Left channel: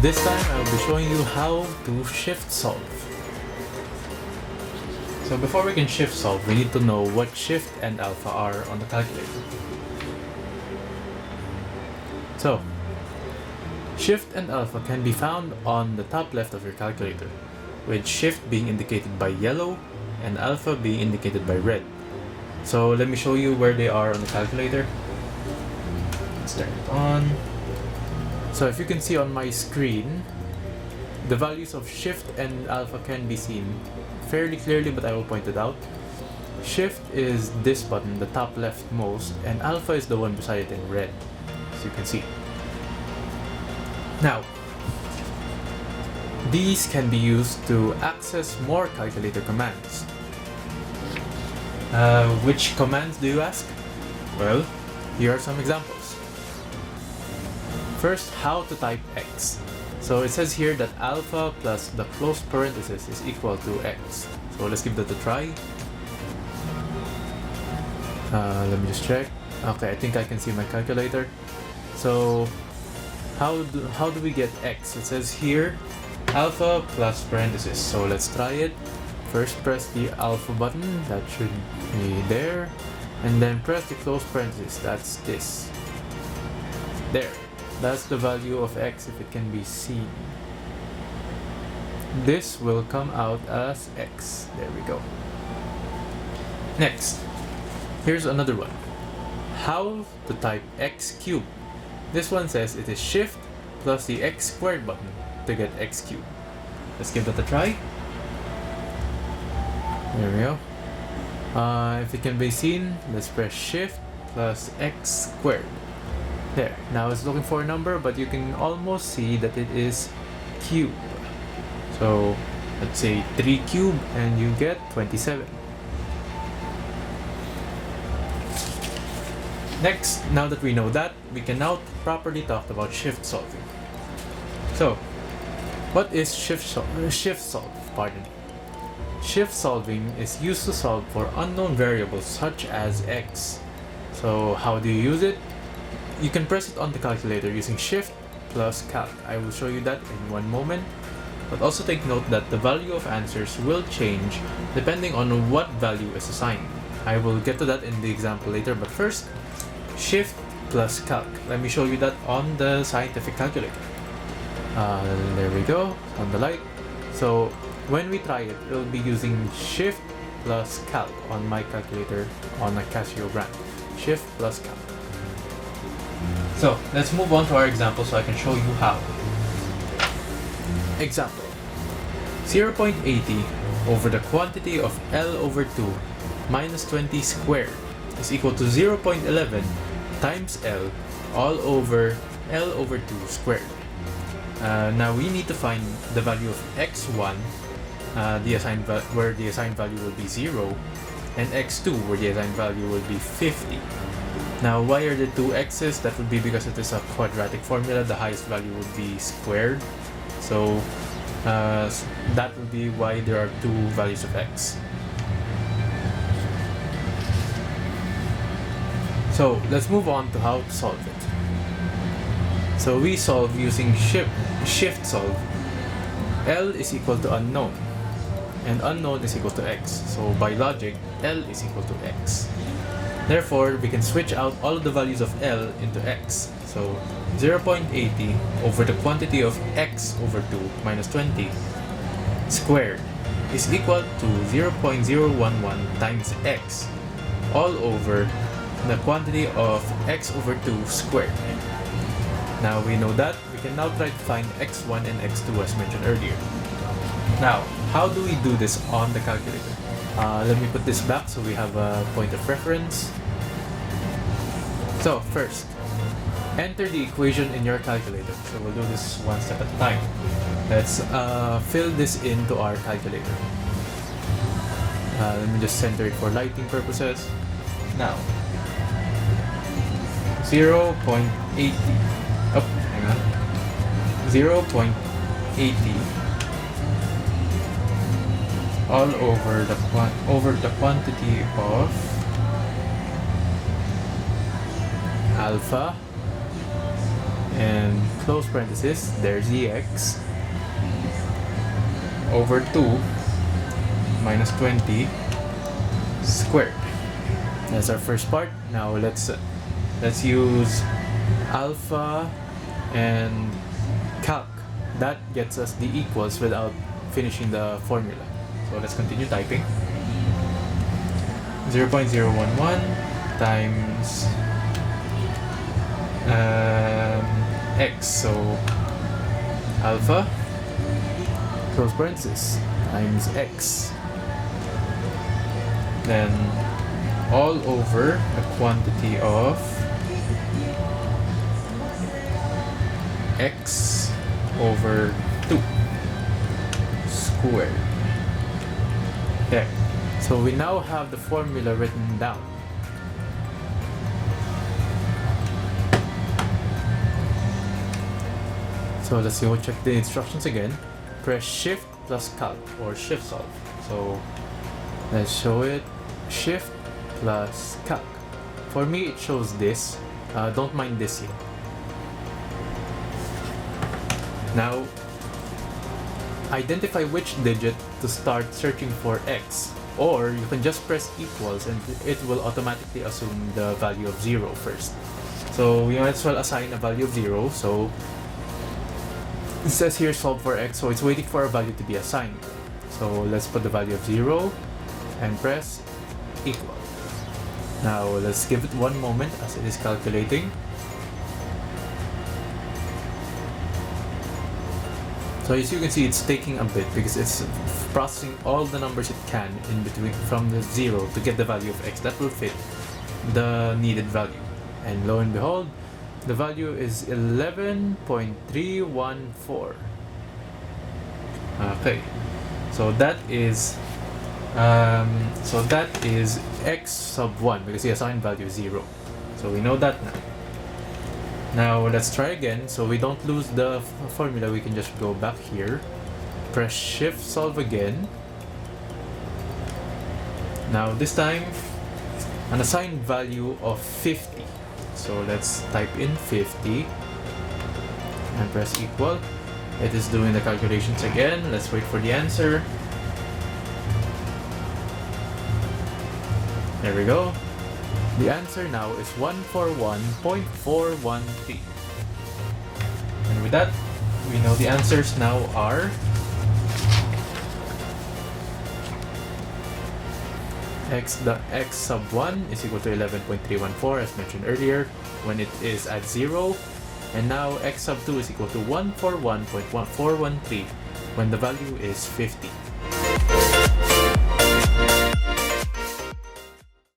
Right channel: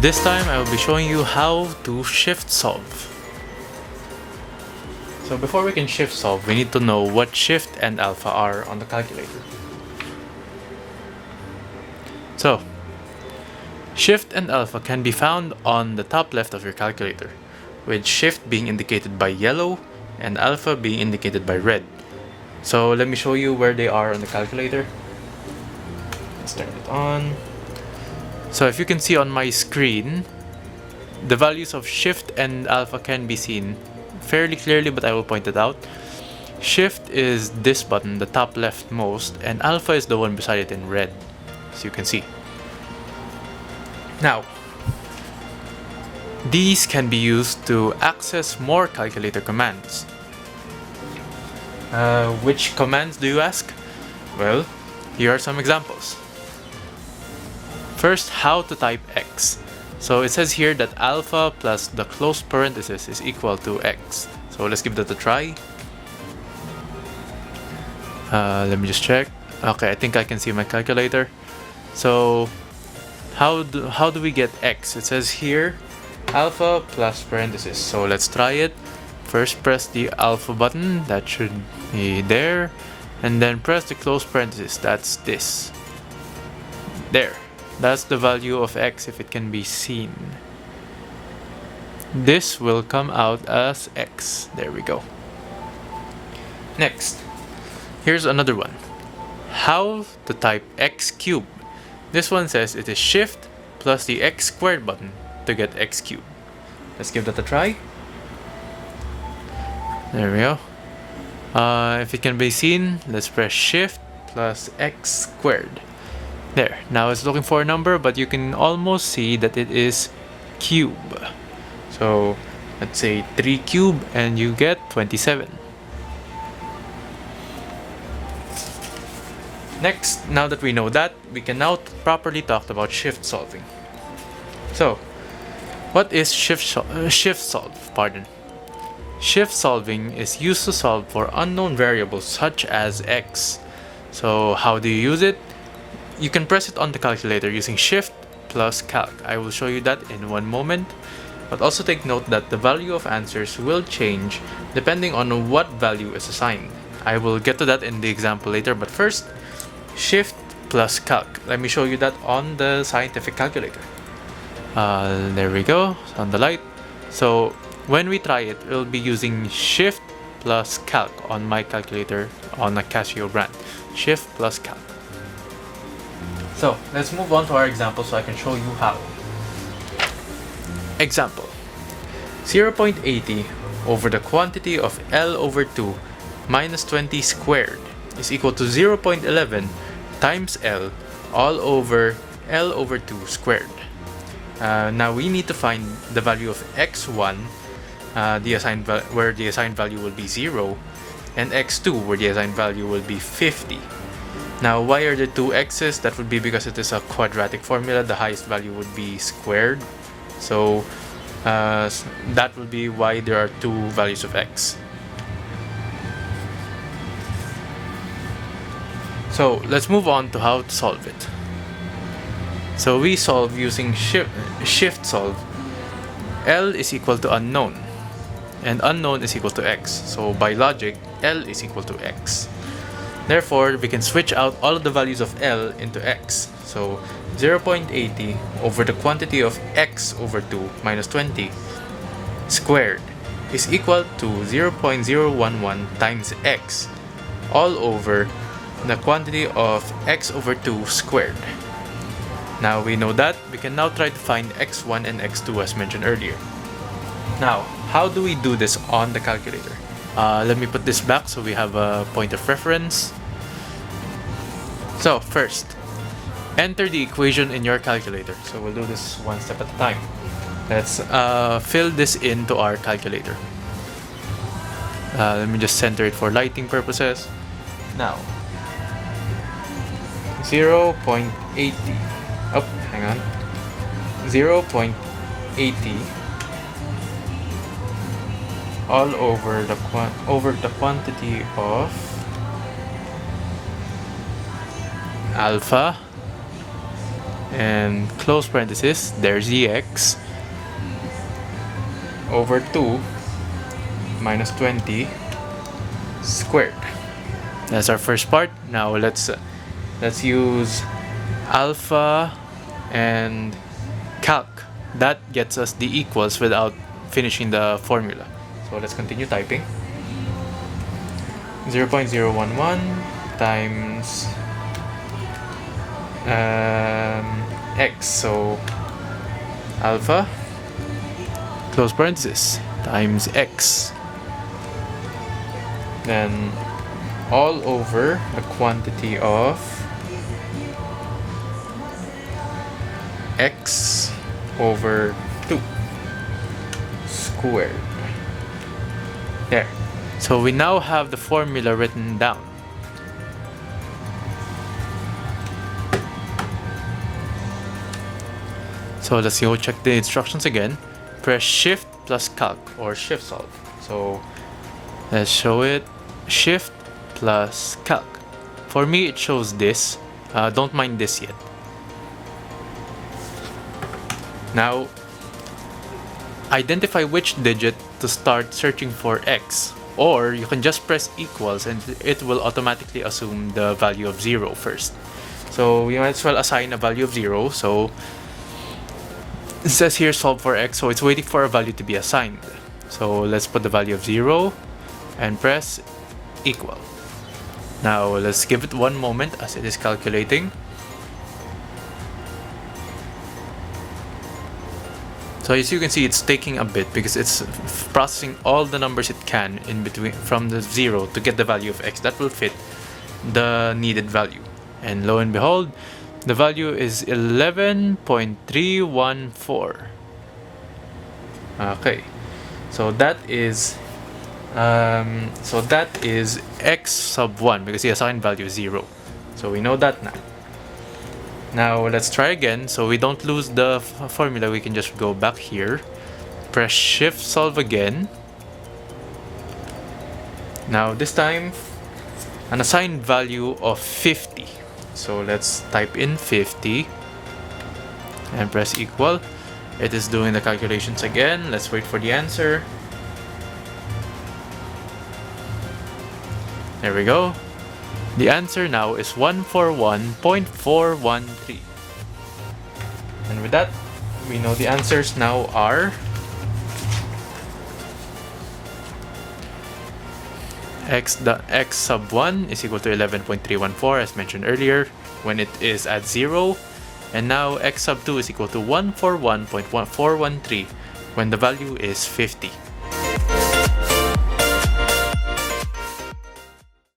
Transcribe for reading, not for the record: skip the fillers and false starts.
This time I will be showing you how to shift solve. So before we can shift solve, we need to know what shift and alpha are on the calculator. So, shift and alpha can be found on the top left of your calculator, with shift being indicated by yellow and alpha being indicated by red. So let me show you where they are on the calculator. Let's turn it on. So if you can see on my screen, the values of shift and alpha can be seen fairly clearly, but I will point it out. Shift is this button, the top leftmost, and alpha is the one beside it in red, as you can see. Now, these can be used to access more calculator commands. Which commands do you ask? Well, here are some examples. First, how to type x. So it says here that alpha plus the closed parenthesis is equal to x. So let's give that a try. Let me just check. Okay, I think I can see my calculator. So how do we get x? It says here alpha plus parenthesis. So let's try it. First press the alpha button, that should be there, and then press the close parenthesis, that's this. There, that's the value of x if it can be seen. This will come out as x. There we go. Next, here's another one. How to type x cubed. This one says it is shift plus the x squared button to get x cubed. Let's give that a try. There we go. If it can be seen, let's press shift plus x squared. There, now it's looking for a number, but you can almost see that it is cube. So let's say 3 cube and you get 27. Next, now that we know that, we can now properly talk about shift solving. So, what is shift solve? Shift solving is used to solve for unknown variables such as x. So how do you use it? You can press it on the calculator using shift plus calc. I will show you that in one moment. But also take note that the value of answers will change depending on what value is assigned. I will get to that in the example later, but first, shift plus calc. Let me show you that on the scientific calculator. There we go, it's on the light. So when we try it, we'll be using shift plus calc on my calculator on a Casio brand. Shift plus calc. So let's move on to our example so I can show you how. Example. 0.80 over the quantity of L over 2 minus 20 squared is equal to 0.11 times L all over L over 2 squared. Now we need to find the value of x1, where the assigned value will be 0, and x2, where the assigned value will be 50. Now, why are there two x's? That would be because it is a quadratic formula. The highest value would be squared. So that would be why there are two values of x. So let's move on to how to solve it. So we solve using shift solve. L is equal to unknown, and unknown is equal to x. So by logic, L is equal to x. Therefore, we can switch out all of the values of L into x. So 0.80 over the quantity of x over 2 minus 20 squared is equal to 0.011 times x all over the quantity of x over 2 squared. Now we know that, we can now try to find x1 and x2 as mentioned earlier. Now, how do we do this on the calculator? Let me put this back so we have a point of reference. So first, enter the equation in your calculator. So we'll do this one step at a time. Let's fill this into our calculator. Let me just center it for lighting purposes. Now, 0.80. Oh, hang on. 0.80 all over the quantity of alpha and close parenthesis, there's the x over 2 minus 20 squared. That's our first part. Now let's use alpha and calc. That gets us the equals without finishing the formula. So let's continue typing. 0.011 times x, so alpha close parenthesis times x, then all over the quantity of x over 2 squared. There. So we now have the formula written down. So let's go check the instructions again. Press shift plus calc or shift solve. So let's show it. Shift plus calc. For me it shows this. Don't mind this yet. Now identify which digit to start searching for x, or you can just press equals and it will automatically assume the value of 0 first. So we might as well assign a value of 0. So it says here solve for x, so it's waiting for a value to be assigned. So let's put the value of 0 and press equal. Now let's give it one moment as it is calculating. So as you can see, it's taking a bit because it's processing all the numbers it can in between from the 0 to get the value of x that will fit the needed value. And lo and behold, the value is 11.314. Okay, so that is x sub 1 because the assigned value is 0. So we know that now. Now let's try again. So we don't lose the formula, we can just go back here, press shift solve again. Now this time an assigned value of 50. So let's type in 50 and press equal. It is doing the calculations again. Let's wait for the answer. There we go. The answer now is 141.413. And with that, we know the answers now are x sub 1 is equal to 11.314 as mentioned earlier when it is at 0, and now x sub 2 is equal to 141.413 when the value is 50.